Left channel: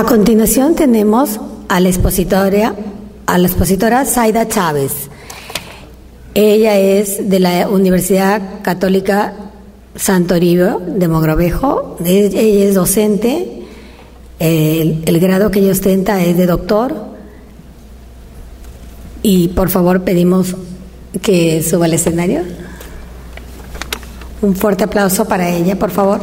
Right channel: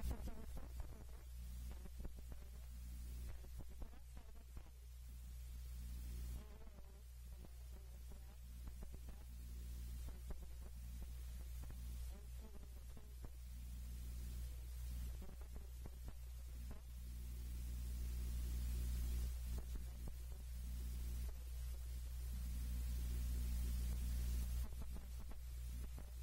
A continuación tenemos a la expositora Zaida Chávez. Ella es de la Universidad Católica Santo Toribio de Mogrovejo. Ella es docente. El grado que ella ostenta es de doctor. Y por favor pedimos que suba al escenario. Un fuerte aplauso para ella, por favor.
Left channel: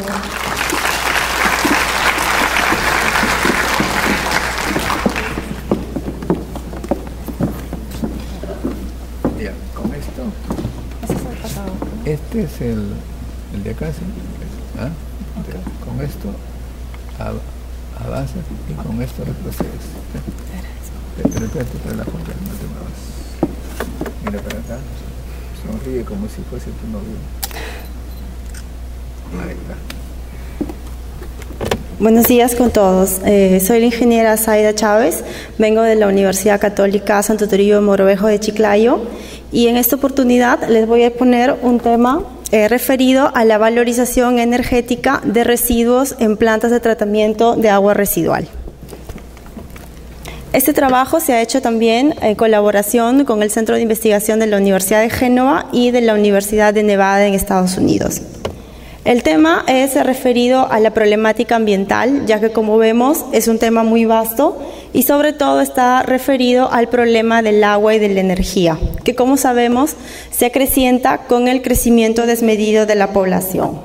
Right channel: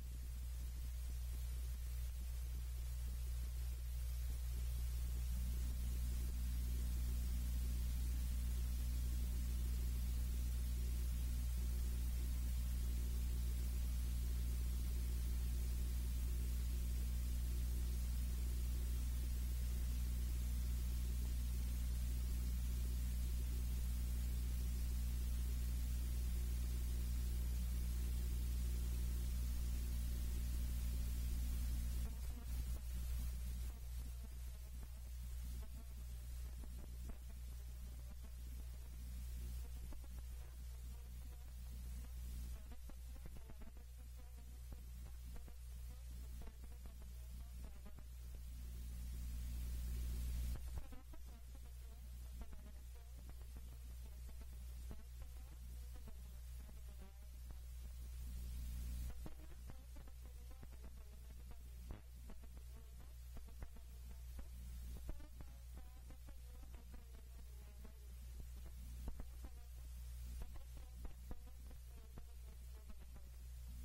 Este es el de acá, ¿sí? ¿Ah? Con esto avanzas y con esto retrocedes. Pero espérate para la foto, no te muevas. Mira para acá, sonríe como si fuese tu novio. Ahí está. Buenos días con todos. Soy la ingeniera Zaida Chávez, vengo de la Universidad Católica Santo Toribio de Mogrovejo de Chiclayo y en esta oportunidad les voy a poner un tema referido a la valorización energética de residuos en plantas de tratamiento de agua residual. Este trabajo se ha hecho también en colaboración con el Centro de Investigación de la Universidad de Génova y de la Universidad de Nevada en Estados Unidos. El tema es referido a la problemática ambiental, ya que como vemos es un tema muy vasto y sobre todo está referido al problema del agua y de la energía, que como sabemos se acrecienta con el crecimiento desmedido de la población.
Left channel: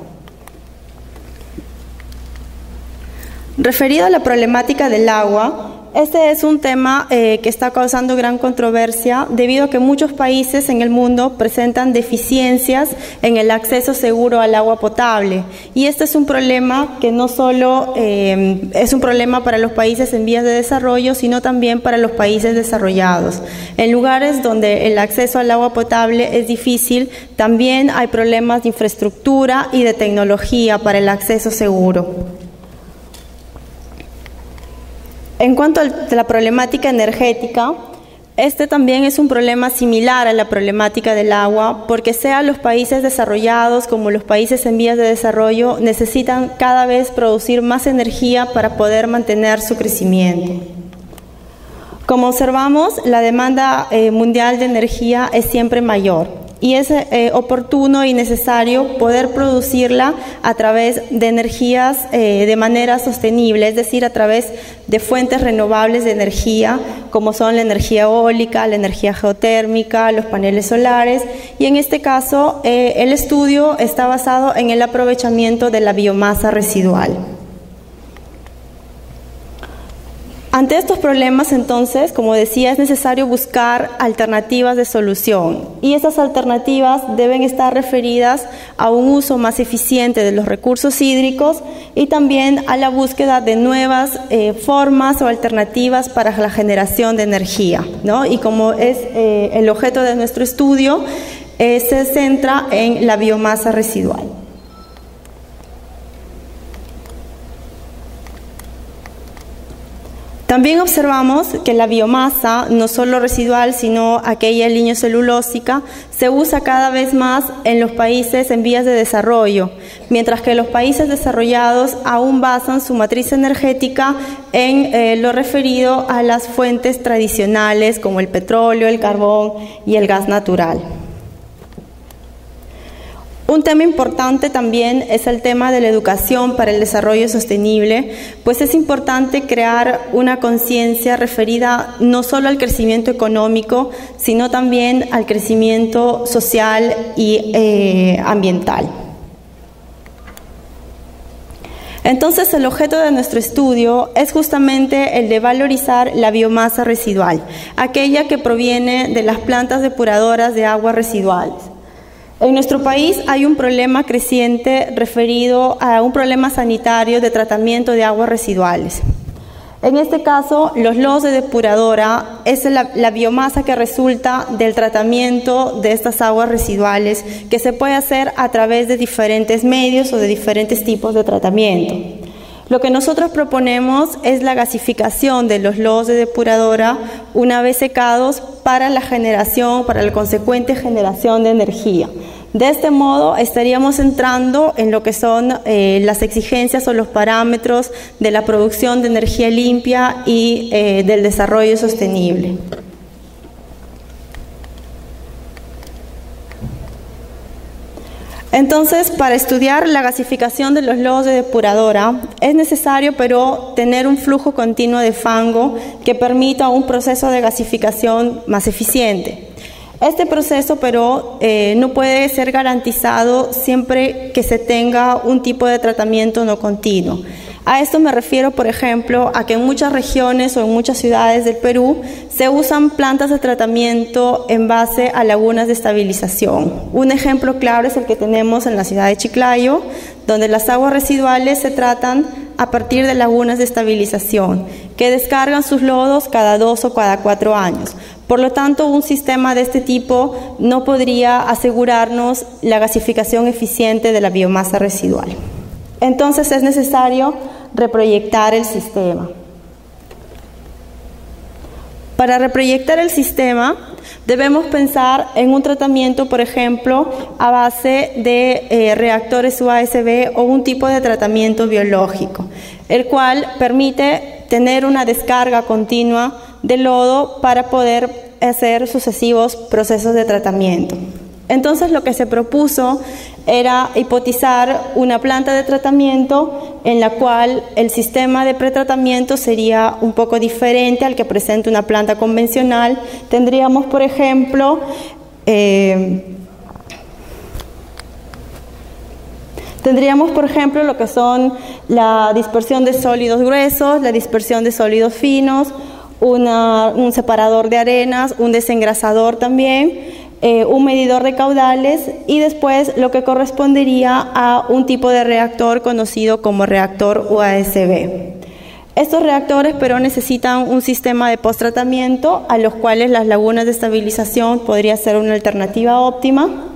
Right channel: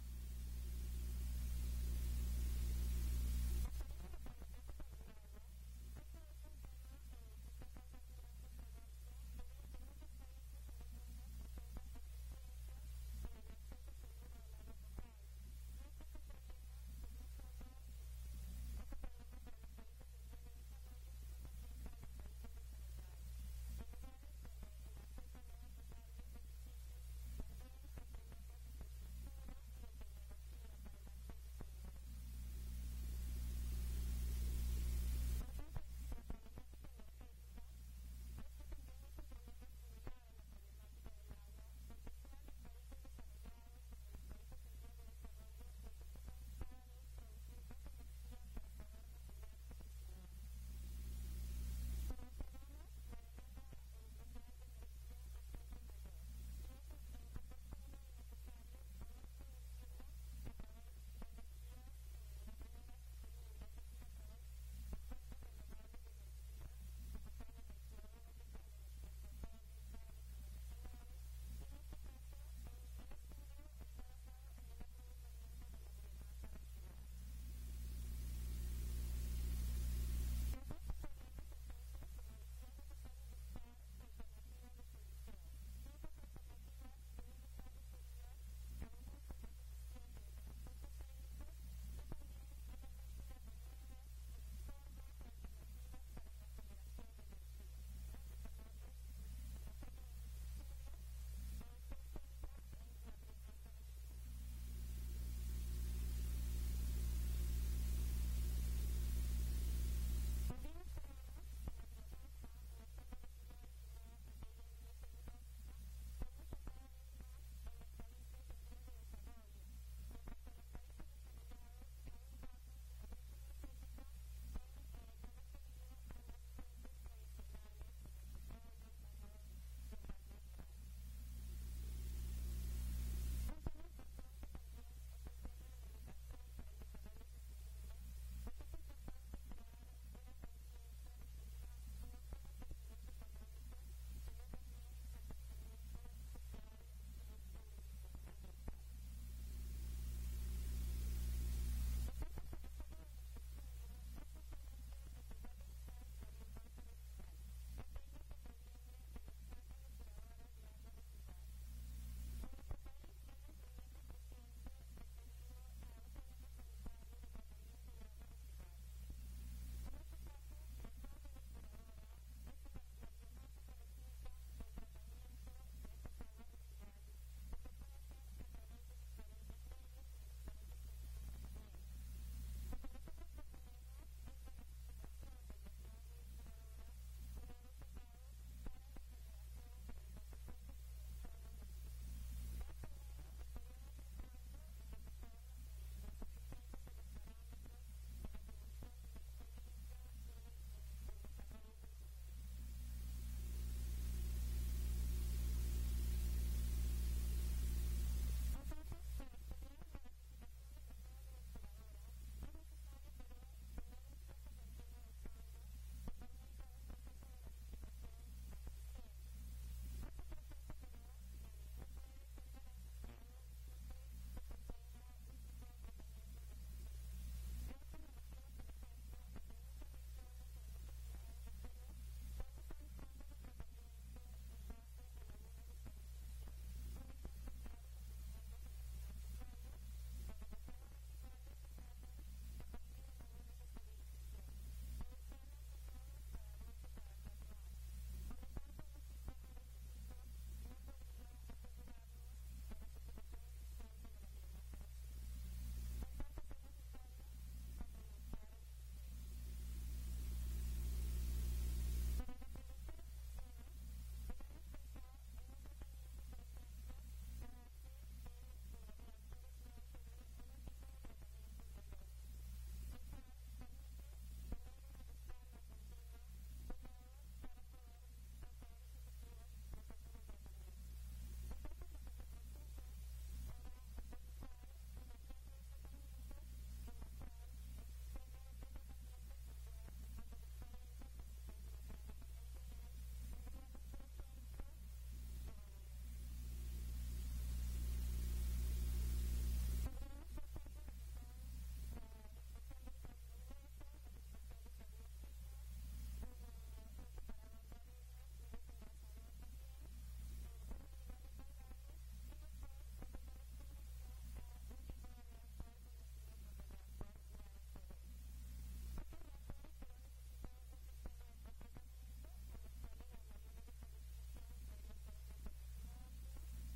Referido a la problemática del agua, este es un tema que está causando gran controversia debido a que muchos países en el mundo presentan deficiencias en el acceso seguro al agua potable. Y este es un problema que no solo es un problema para los países en vías de desarrollo, sino también para los países desarrollados. En lugares donde el acceso al agua potable es difícil, también hay problemas de infraestructura y de tecnología para el acceso seguro. En cuanto a la problemática energética, este también es un problema similar a la problemática del agua, porque sea los países desarrollados como los países en vías de desarrollo necesitan cada vez producir más energía para poder mantener su crecimiento. Como observamos, la demanda mundial de energía es siempre mayor. Y es oportuno y necesario poder producirla a través de energías de manera sostenible, es decir, a través de fuentes renovables de energía, como son la energía eólica, la energía geotérmica, los paneles solares, y en este caso el estudio está basado en el aprovechamiento de la biomasa residual. Ante estos problemas, entonces, como decía, es necesario buscar alternativas de solución y esas alternativas deben estar referidas a un uso más eficiente de los recursos hídricos y también a la búsqueda de nuevas formas o alternativas para la generación de energía, ¿no? Y como es el objeto de nuestro estudio, se centra en la biomasa residual. También observamos que la biomasa, no solo residual, sino aquella lignocellulósica, se usa cada vez más en los países en vías de desarrollo, mientras que los países desarrollados aún basan su matriz energética en lo referido a las fuentes tradicionales como el petróleo, el carbón y el gas natural. Un tema importante también es el tema de la educación para el desarrollo sostenible, pues es importante crear una conciencia referida no solo al crecimiento económico, sino también al crecimiento social y ambiental. Entonces, el objeto de nuestro estudio es justamente el de valorizar la biomasa residual, aquella que proviene de las plantas depuradoras de aguas residuales. En nuestro país hay un problema creciente referido a un problema sanitario de tratamiento de aguas residuales. En este caso, los lodos de depuradora es la biomasa que resulta del tratamiento de estas aguas residuales que se puede hacer a través de diferentes medios o de diferentes tipos de tratamiento. Lo que nosotros proponemos es la gasificación de los lodos de depuradora una vez secados para la consecuente generación de energía. De este modo estaríamos entrando en lo que son las exigencias o los parámetros de la producción de energía limpia y del desarrollo sostenible. Entonces, para estudiar la gasificación de los lodos de depuradora, es necesario, pero, tener un flujo continuo de fango que permita un proceso de gasificación más eficiente. Este proceso, pero, no puede ser garantizado siempre que se tenga un tipo de tratamiento no continuo. A esto me refiero, por ejemplo, a que en muchas regiones o en muchas ciudades del Perú se usan plantas de tratamiento en base a lagunas de estabilización. Un ejemplo claro es el que tenemos en la ciudad de Chiclayo, donde las aguas residuales se tratan a partir de lagunas de estabilización, que descargan sus lodos cada 2 o cada 4 años. Por lo tanto, un sistema de este tipo no podría asegurarnos la gasificación eficiente de la biomasa residual. Entonces es necesario reproyectar el sistema. Para reproyectar el sistema debemos pensar en un tratamiento, por ejemplo, a base de reactores UASB o un tipo de tratamiento biológico, el cual permite tener una descarga continua de lodo para poder hacer sucesivos procesos de tratamiento. Entonces lo que se propuso era hipotizar una planta de tratamiento en la cual el sistema de pretratamiento sería un poco diferente al que presenta una planta convencional. Tendríamos, por ejemplo, lo que son la dispersión de sólidos gruesos, la dispersión de sólidos finos, un separador de arenas, un desengrasador también, un medidor de caudales y después lo que correspondería a un tipo de reactor conocido como reactor UASB. Estos reactores, pero, necesitan un sistema de post-tratamiento a los cuales las lagunas de estabilización podría ser una alternativa óptima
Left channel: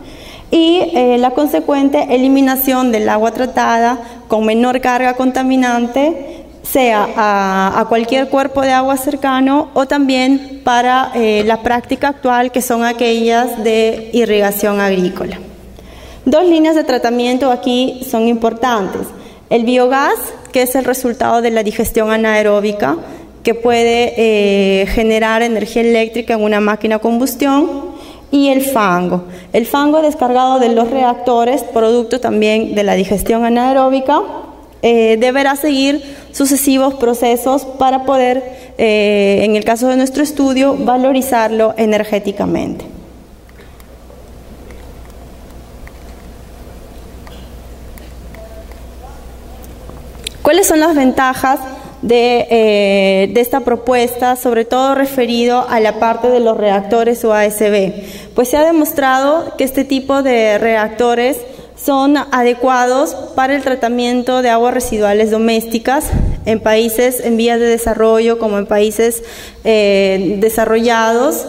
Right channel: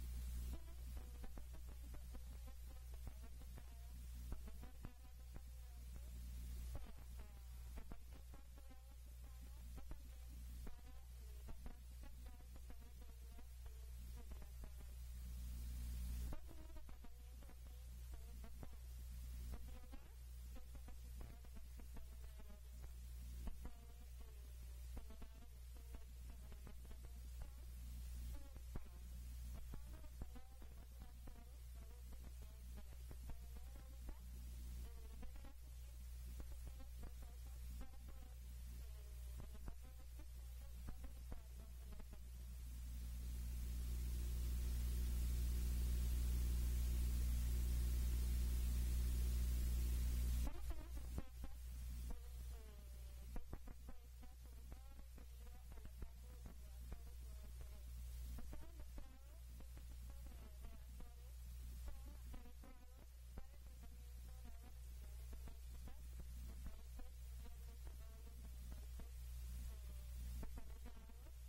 y la consecuente eliminación del agua tratada con menor carga contaminante, sea a cualquier cuerpo de agua cercano o también para la práctica actual, que son aquellas de irrigación agrícola. 2 líneas de tratamiento aquí son importantes. El biogás, que es el resultado de la digestión anaeróbica, que puede generar energía eléctrica en una máquina a combustión, y el fango. El fango descargado de los reactores, producto también de la digestión anaeróbica, deberá seguir sucesivos procesos para poder, en el caso de nuestro estudio, valorizarlo energéticamente. ¿Cuáles son las ventajas de esta propuesta, sobre todo referido a la parte de los reactores UASB? Pues se ha demostrado que este tipo de reactores son adecuados para el tratamiento de aguas residuales domésticas en países en vías de desarrollo como en países desarrollados.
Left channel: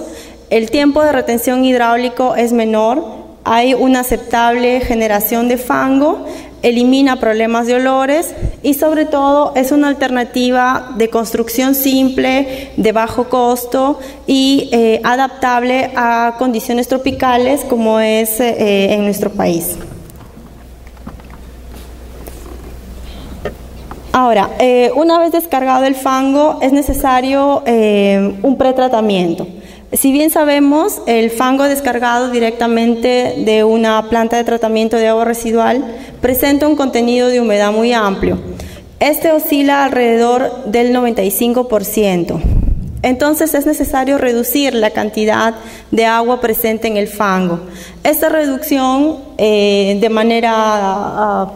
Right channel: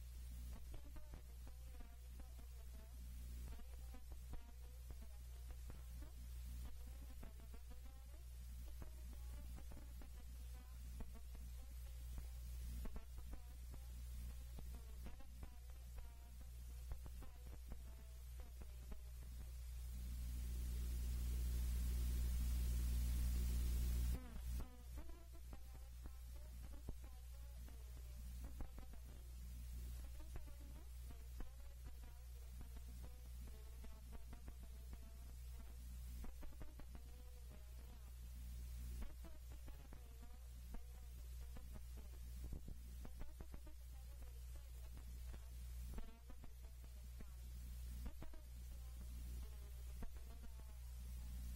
El tiempo de retención hidráulico es menor, hay una aceptable generación de fango, elimina problemas de olores y, sobre todo, es una alternativa de construcción simple, de bajo costo y adaptable a condiciones tropicales como es en nuestro país. Ahora, una vez descargado el fango, es necesario un pretratamiento. Si bien sabemos, el fango descargado directamente de una planta de tratamiento de agua residual presenta un contenido de humedad muy amplio. Este oscila alrededor del 95%. Entonces es necesario reducir la cantidad de agua presente en el fango. Esta reducción de manera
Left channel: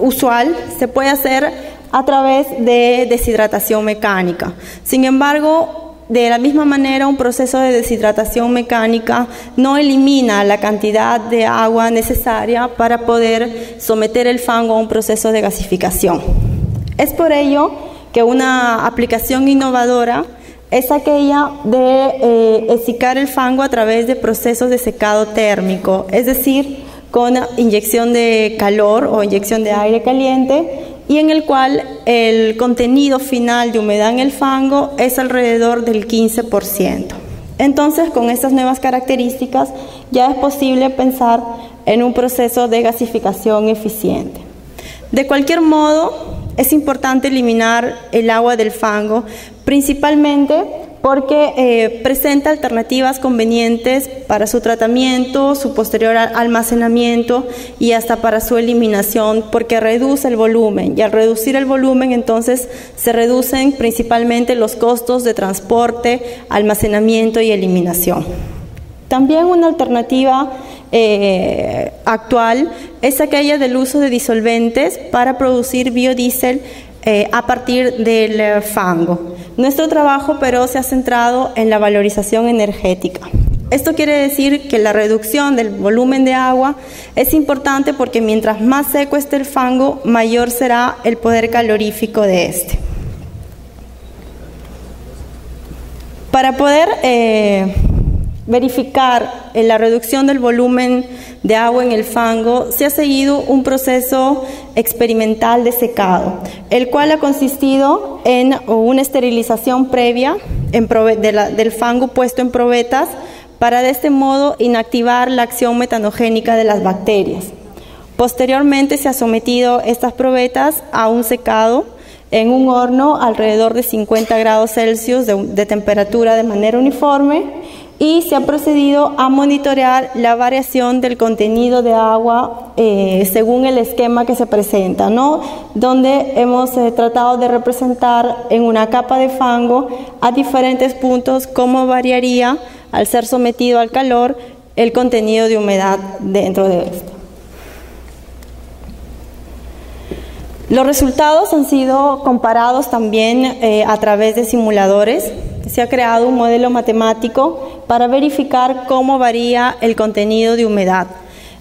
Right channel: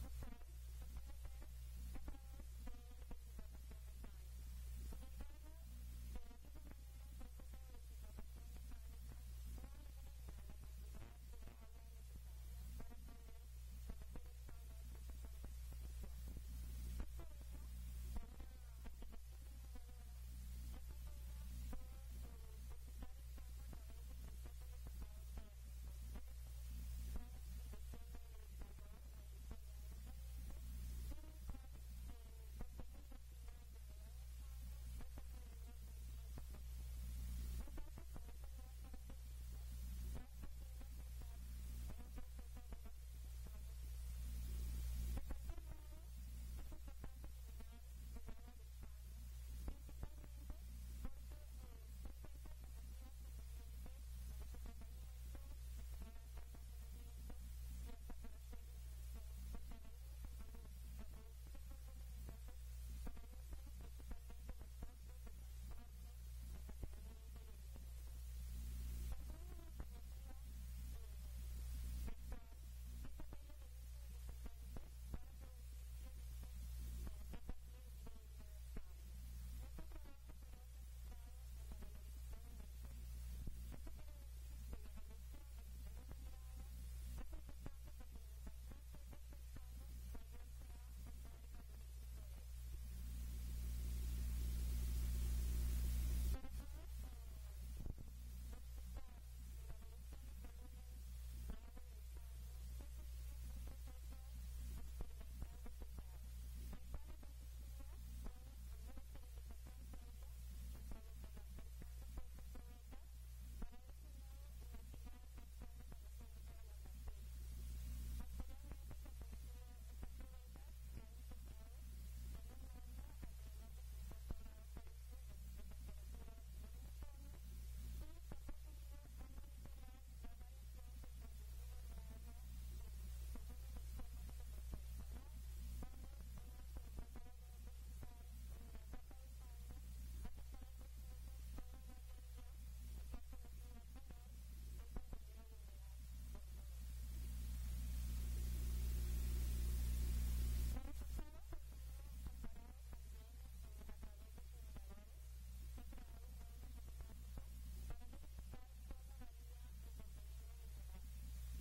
usual se puede hacer a través de deshidratación mecánica. Sin embargo, de la misma manera, un proceso de deshidratación mecánica no elimina la cantidad de agua necesaria para poder someter el fango a un proceso de gasificación. Es por ello que una aplicación innovadora es aquella de secar el fango a través de procesos de secado térmico, es decir, con inyección de calor o inyección de aire caliente, y en el cual el contenido final de humedad en el fango es alrededor del 15%. Entonces, con estas nuevas características ya es posible pensar en un proceso de gasificación eficiente. De cualquier modo, es importante eliminar el agua del fango, principalmente porque presenta alternativas convenientes para su tratamiento, su posterior almacenamiento y hasta para su eliminación, porque reduce el volumen, y al reducir el volumen entonces se reducen principalmente los costos de transporte, almacenamiento y eliminación. También una alternativa actual es aquella del uso de disolventes para producir biodiesel a partir del fango. Nuestro trabajo, pero, se ha centrado en la valorización energética. Esto quiere decir que la reducción del volumen de agua es importante porque mientras más seco esté el fango, mayor será el poder calorífico de este. Para poder verificar la reducción del volumen de agua en el fango, se ha seguido un proceso experimental de secado, el cual ha consistido en una esterilización previa del fango puesto en probetas para de este modo inactivar la acción metanogénica de las bacterias. Posteriormente se ha sometido estas probetas a un secado en un horno alrededor de 50 grados Celsius de temperatura de manera uniforme, y se ha procedido a monitorear la variación del contenido de agua según el esquema que se presenta, ¿no? Donde hemos tratado de representar en una capa de fango a diferentes puntos cómo variaría, al ser sometido al calor, el contenido de humedad dentro de esto. Los resultados han sido comparados también a través de simuladores. Se ha creado un modelo matemático para verificar cómo varía el contenido de humedad.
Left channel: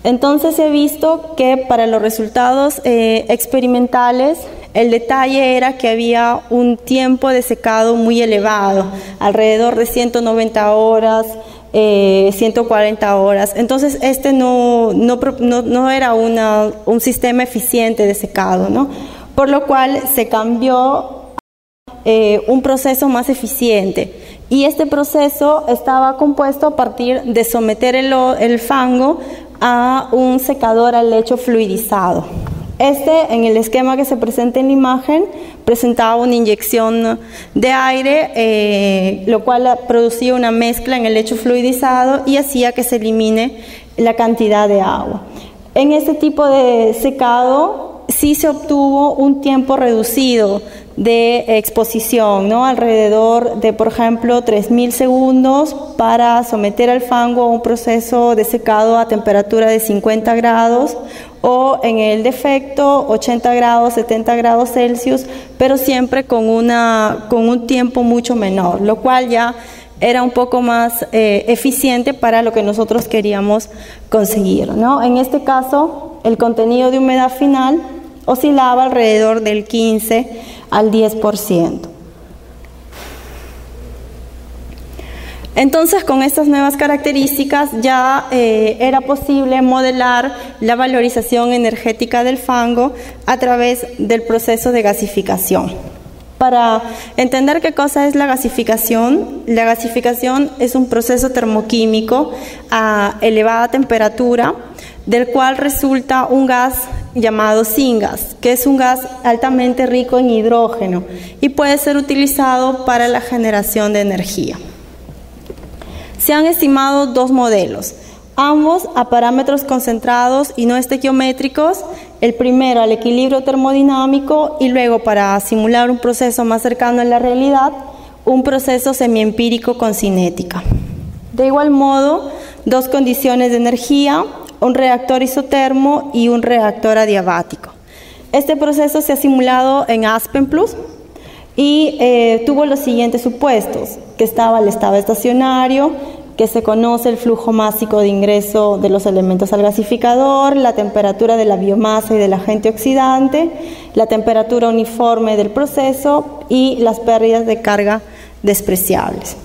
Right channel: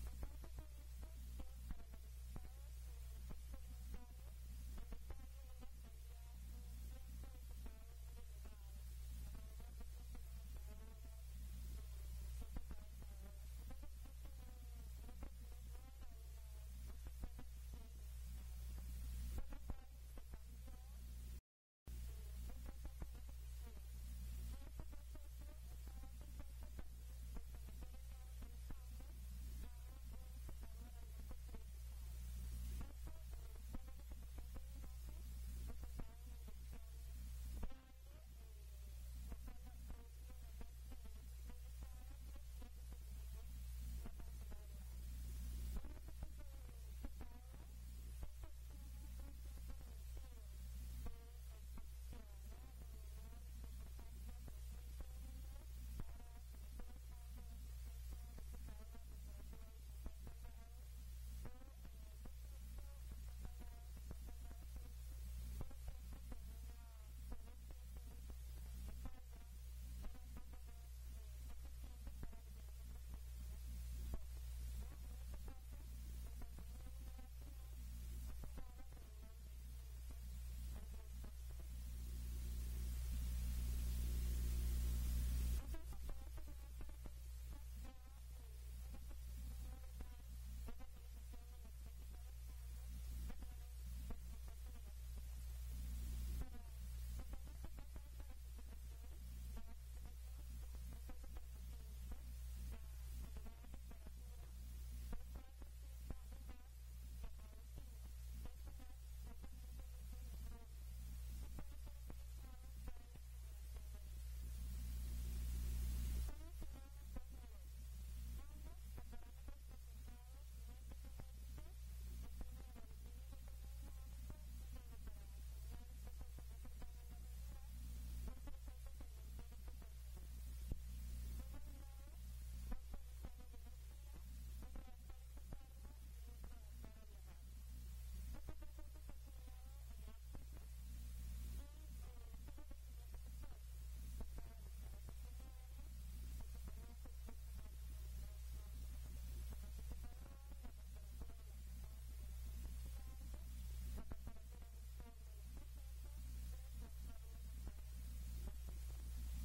Entonces se ha visto que para los resultados experimentales, el detalle era que había un tiempo de secado muy elevado, alrededor de 190 horas, 140 horas. Entonces este no era un sistema eficiente de secado, ¿no? Por lo cual se cambió un proceso más eficiente, y este proceso estaba compuesto a partir de someter el fango a un secador al lecho fluidizado. En el esquema que se presenta en la imagen, presentaba una inyección de aire, lo cual producía una mezcla en el lecho fluidizado y hacía que se elimine la cantidad de agua. En este tipo de secado sí se obtuvo un tiempo reducido de exposición, ¿no? Alrededor de, por ejemplo, 3.000 segundos para someter al fango a un proceso de secado a temperatura de 50 grados, o en el defecto 80 grados, 70 grados Celsius, pero siempre con un tiempo mucho menor, lo cual ya era un poco más eficiente para lo que nosotros queríamos conseguir, ¿no? En este caso, el contenido de humedad final oscilaba alrededor del 15 al 10%. Entonces, con estas nuevas características ya era posible modelar la valorización energética del fango a través del proceso de gasificación. Para entender qué cosa es la gasificación es un proceso termoquímico a elevada temperatura, del cual resulta un gas llamado syngas, que es un gas altamente rico en hidrógeno y puede ser utilizado para la generación de energía. Se han estimado dos modelos, ambos a parámetros concentrados y no estequiométricos, el primero al equilibrio termodinámico y luego, para simular un proceso más cercano a la realidad, un proceso semiempírico con cinética. De igual modo, dos condiciones de energía, un reactor isotermo y un reactor adiabático. Este proceso se ha simulado en Aspenplus y tuvo los siguientes supuestos: que estaba el estado estacionario, que se conoce el flujo másico de ingreso de los elementos al gasificador, la temperatura de la biomasa y del agente oxidante, la temperatura uniforme del proceso y las pérdidas de carga despreciables.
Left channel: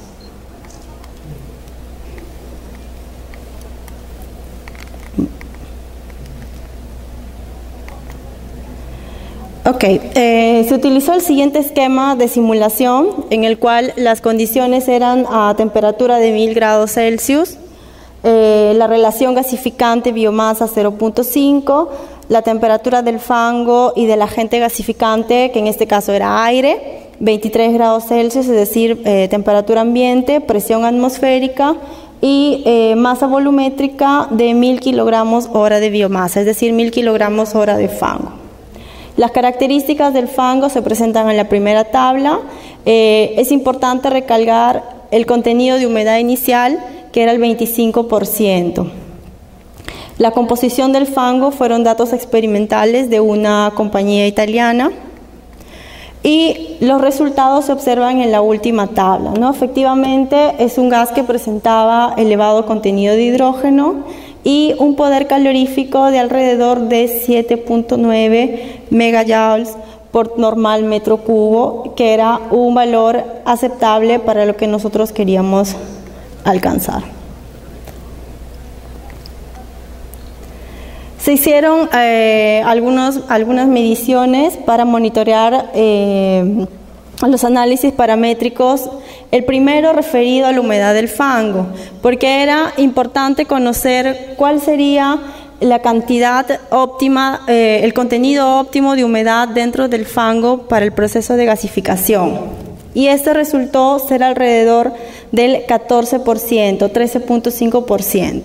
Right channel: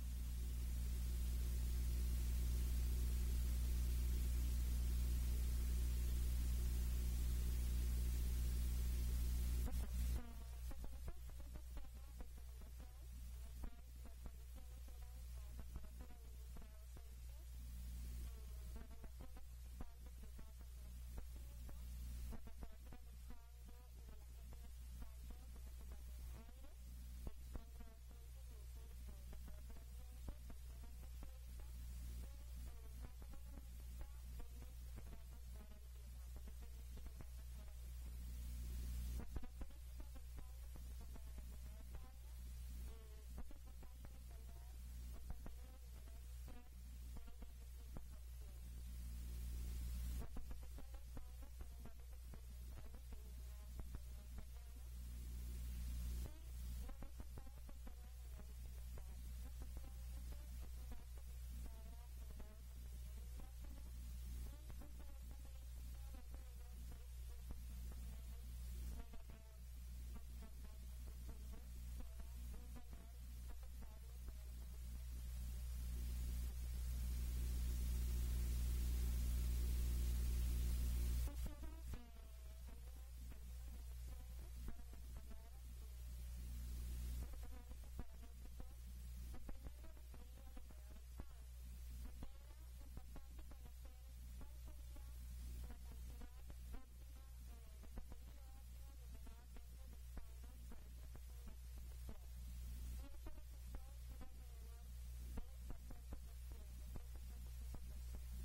Se utilizó el siguiente esquema de simulación, en el cual las condiciones eran a temperatura de 1000 grados Celsius, la relación gasificante-biomasa 0.5, la temperatura del fango y del agente gasificante, que en este caso era aire, 23 grados Celsius, es decir, temperatura ambiente, presión atmosférica y masa volumétrica de 1000 kilogramos hora de biomasa, es decir, 1000 kilogramos hora de fango. Las características del fango se presentan en la primera tabla. Es importante recalcar el contenido de humedad inicial, que era el 25%. La composición del fango fueron datos experimentales de una compañía italiana y los resultados se observan en la última tabla, ¿no? Efectivamente es un gas que presentaba elevado contenido de hidrógeno y un poder calorífico de alrededor de 7.9 megajoules por normal metro cubo, que era un valor aceptable para lo que nosotros queríamos alcanzar. Se hicieron algunas mediciones para monitorear los análisis paramétricos. El primero referido a la humedad del fango, porque era importante conocer cuál sería la cantidad óptima, el contenido óptimo de humedad dentro del fango para el proceso de gasificación. Y este resultó ser alrededor del 14%, 13.5%.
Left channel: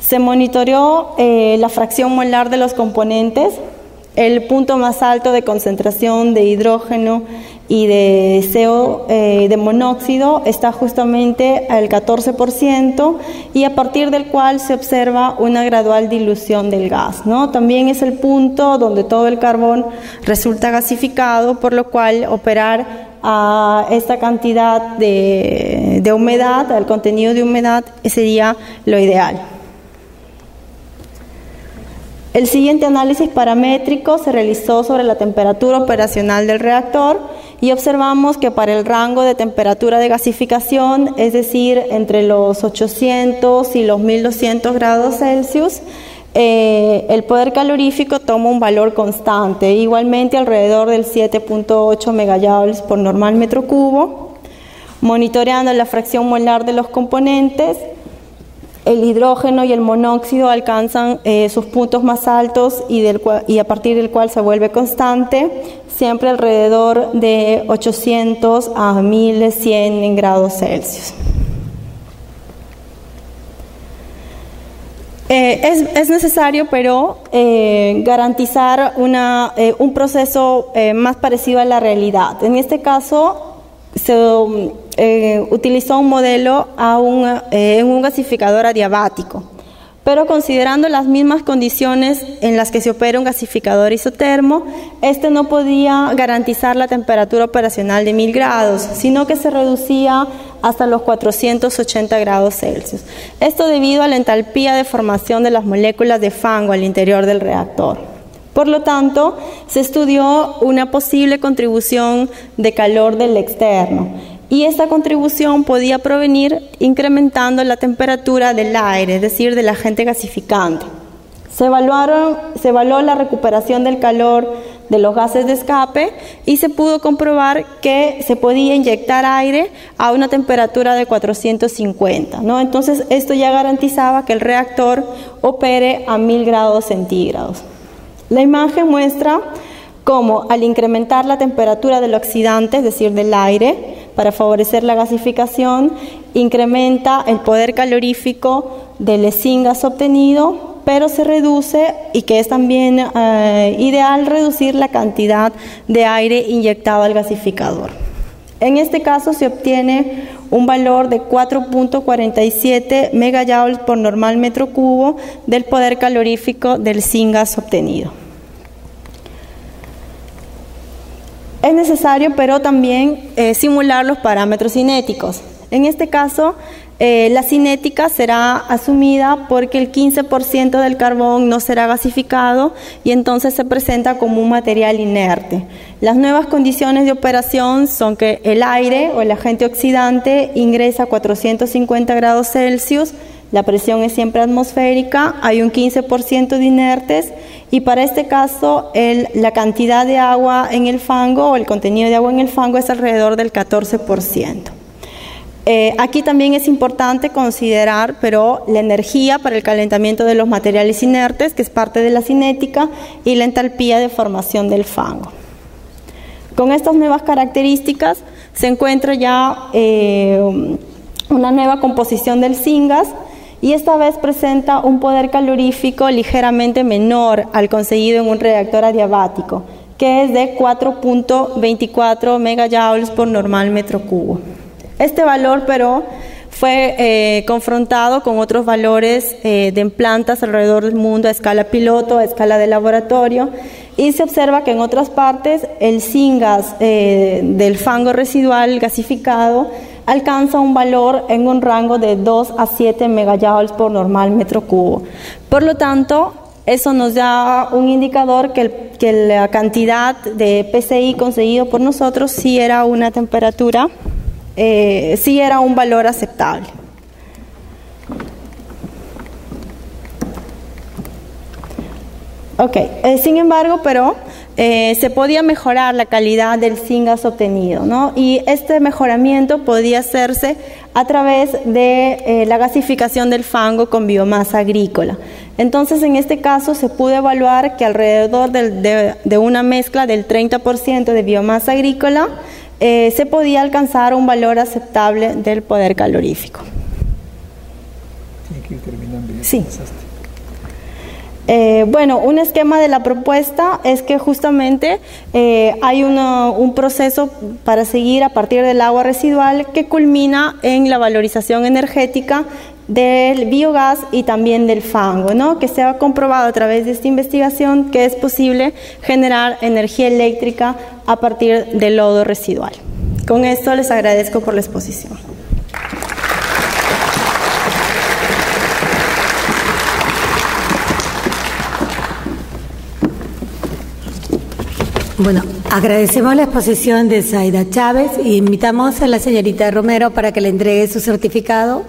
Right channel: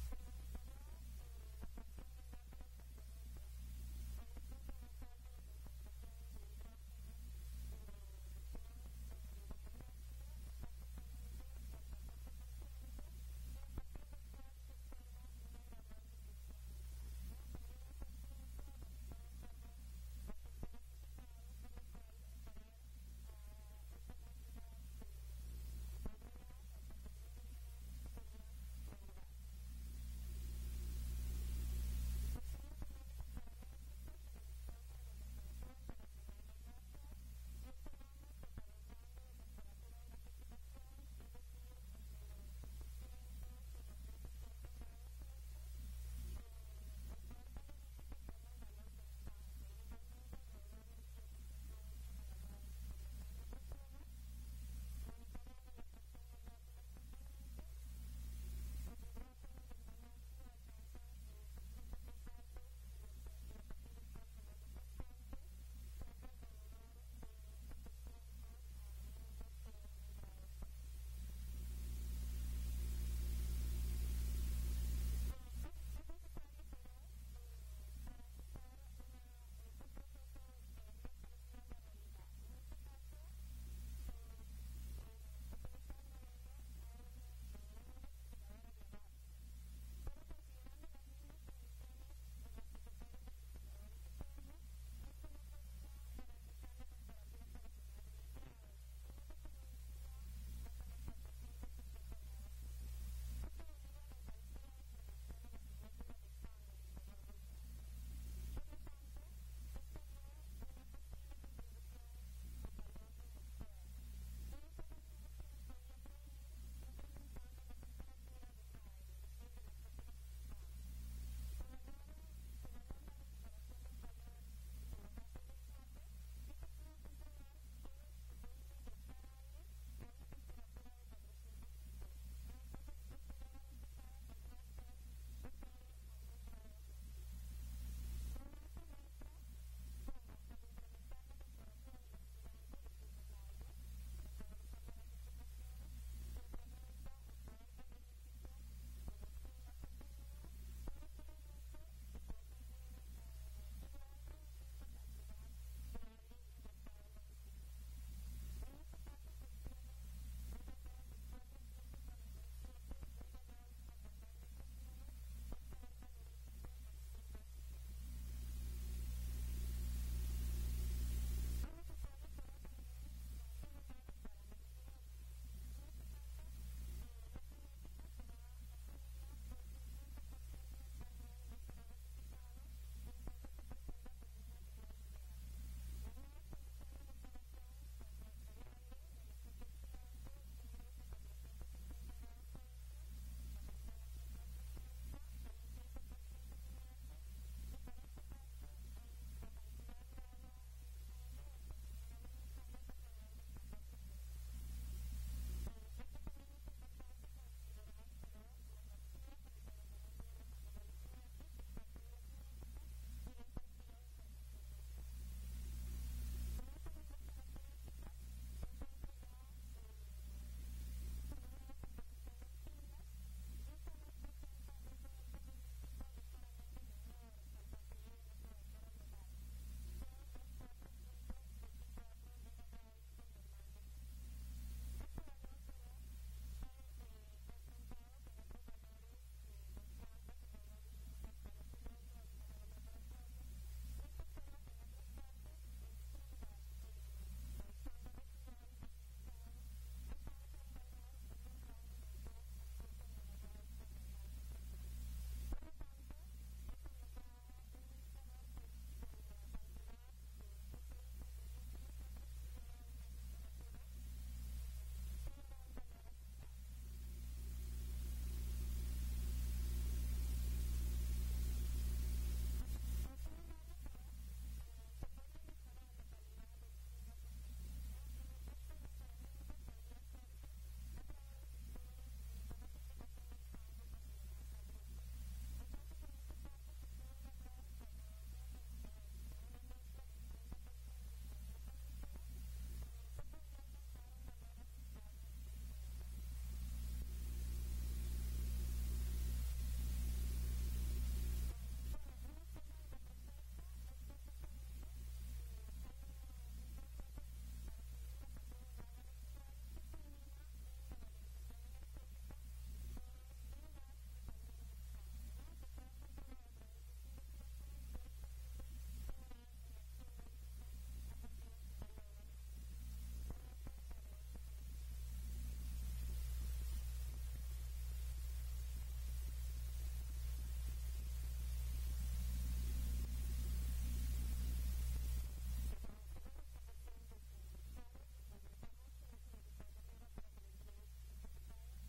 Se monitoreó la fracción molar de los componentes. El punto más alto de concentración de hidrógeno y de CO, de monóxido, está justamente al 14%, y a partir del cual se observa una gradual dilución del gas, ¿no? También es el punto donde todo el carbón resulta gasificado, por lo cual operar a esta cantidad de humedad, al contenido de humedad, sería lo ideal. El siguiente análisis paramétrico se realizó sobre la temperatura operacional del reactor y observamos que para el rango de temperatura de gasificación, es decir, entre los 800 y los 1200 grados Celsius, el poder calorífico toma un valor constante, igualmente alrededor del 7.8 megajoules por normal metro cubo. Monitoreando la fracción molar de los componentes, el hidrógeno y el monóxido alcanzan sus puntos más altos y a partir del cual se vuelve constante, siempre alrededor de 800 a 1100 grados Celsius. Es necesario, pero garantizar un proceso más parecido a la realidad. En este caso, se utilizó un modelo en un gasificador adiabático, pero considerando las mismas condiciones en las que se opera un gasificador isotermo, este no podía garantizar la temperatura operacional de 1000 grados, sino que se reducía hasta los 480 grados Celsius. Esto debido a la entalpía de formación de las moléculas de fango al interior del reactor. Por lo tanto, se estudió una posible contribución de calor del externo, y esta contribución podía provenir incrementando la temperatura del aire, es decir, del agente gasificante. Se evaluó la recuperación del calor de los gases de escape y se pudo comprobar que se podía inyectar aire a una temperatura de 450, ¿no? Entonces, esto ya garantizaba que el reactor opere a 1000 grados centígrados. La imagen muestra cómo, al incrementar la temperatura del oxidante, es decir, del aire, para favorecer la gasificación, incrementa el poder calorífico del syngas obtenido, pero se reduce, y que es también ideal, reducir la cantidad de aire inyectado al gasificador. En este caso se obtiene un valor de 4.47 megajoules por normal metro cubo del poder calorífico del syngas obtenido. Es necesario, pero también simular los parámetros cinéticos. En este caso, la cinética será asumida porque el 15% del carbón no será gasificado y entonces se presenta como un material inerte. Las nuevas condiciones de operación son que el aire o el agente oxidante ingresa a 450 grados Celsius, la presión es siempre atmosférica, hay un 15% de inertes, y para este caso la cantidad de agua en el fango, o el contenido de agua en el fango, es alrededor del 14%. Aquí también es importante considerar, pero la energía para el calentamiento de los materiales inertes, que es parte de la cinética, y la entalpía de formación del fango. Con estas nuevas características se encuentra ya una nueva composición del syngas, y esta vez presenta un poder calorífico ligeramente menor al conseguido en un reactor adiabático, que es de 4.24 megajoules por normal metro cubo. Este valor, pero, fue confrontado con otros valores de plantas alrededor del mundo a escala piloto, a escala de laboratorio, y se observa que en otras partes el syngas del fango residual gasificado alcanza un valor en un rango de 2 a 7 megajoules por normal metro cubo. Por lo tanto, eso nos da un indicador que la cantidad de PCI conseguido por nosotros sí era una temperatura, sí era un valor aceptable. Ok, sin embargo, pero se podía mejorar la calidad del syngas obtenido, ¿no? Y este mejoramiento podía hacerse a través de la gasificación del fango con biomasa agrícola. Entonces, en este caso, se pudo evaluar que alrededor de una mezcla del 30% de biomasa agrícola se podía alcanzar un valor aceptable del poder calorífico. Tiene que ir terminando. Sí. Bueno, un esquema de la propuesta es que justamente hay un proceso para seguir a partir del agua residual que culmina en la valorización energética del biogás y también del fango, ¿no? Que se ha comprobado a través de esta investigación que es posible generar energía eléctrica a partir del lodo residual. Con esto les agradezco por la exposición. Bueno, agradecemos la exposición de Zaida Chávez y invitamos a la señorita Romero para que le entregue su certificado